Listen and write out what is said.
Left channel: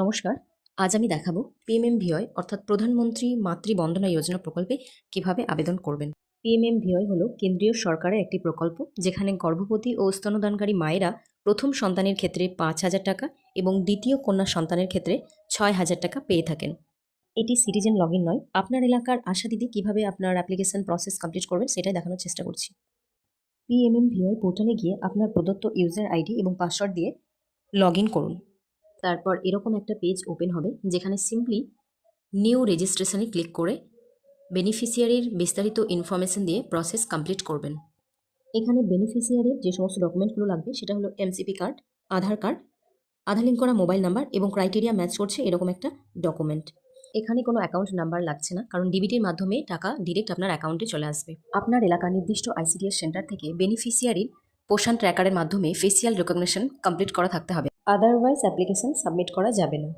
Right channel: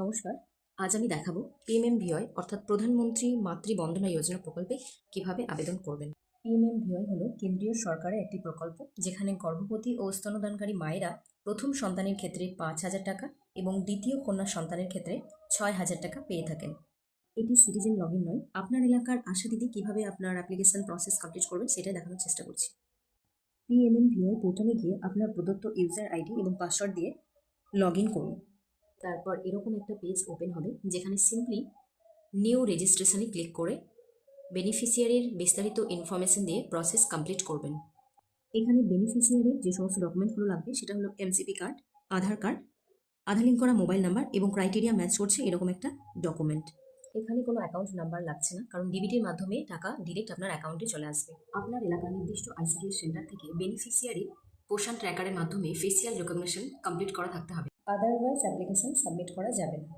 নমস্কার। আজ আমি দেখাবো পিএমএম-ভিওয়াই অর্থাৎ প্রধানমন্ত্রী মাতৃ বন্দনা যোজনা প্রকল্পে কিভাবে আবেদন করবেন। পিএমএম-ভিওয়াই হলো কেন্দ্রীয় সরকারের একটি প্রকল্প যেখানে গর্ভবতী ও স্তন্যদানকারী মায়েরা প্রথম সন্তানের ক্ষেত্রে ৫,০০০ টাকা এবং দ্বিতীয় কন্যা সন্তানের ক্ষেত্রে ৬,০০০ টাকা পেয়ে থাকেন। এটি সিটিজেন লগইন নয়। আপনার এলাকার আশা দিদি কিভাবে আপনার অ্যাপ্লিকেশন প্রসেস কমপ্লিট করবেন সেটাই দেখানোর চেষ্টা করছি। পিএমএম-ভিওয়াই পোর্টালে গিয়ে আপনার প্রদত্ত ইউজার আইডি এবং পাসওয়ার্ড দিয়ে লগইন করুন। তারপর এরকম একটা পেজ ওপেন হবে যেখানে সিম্পলি নিউ রেজিস্ট্রেশনে ক্লিক করে বেনিফিশিয়ারির বিস্তারিত ইনফরমেশন দিয়ে প্রসেস কমপ্লিট করবেন। এখানে বেনিফিশিয়ারির যে সমস্ত ডকুমেন্টগুলো লাগবে সেটা হলো এমসিপি কার্ড, কার্ড, আধার লিঙ্ক করা মোবাইল নাম্বার এবং ক্রাইটেরিয়া ম্যাচ করছে এরকম একটা ডকুমেন্ট। এখানে কোনো অ্যাকাউন্ট নাম্বার লাগছে না, কারণ ডিবিটির মাধ্যমে টাকা ডিরেক্ট আপনার অ্যাকাউন্টে চলে আসবে। আপনার এলাকার নির্দিষ্ট আইসিডিএস সেন্টার থেকে বেনিফিশিয়ারির পোষণ ট্র্যাকারের মাধ্যমে ফেসিয়াল রেকগনিশন কমপ্লিট করা থাকতে হবে, আদারওয়াইজ অ্যাপ্লিকেশন সাবমিট করা যাবে না।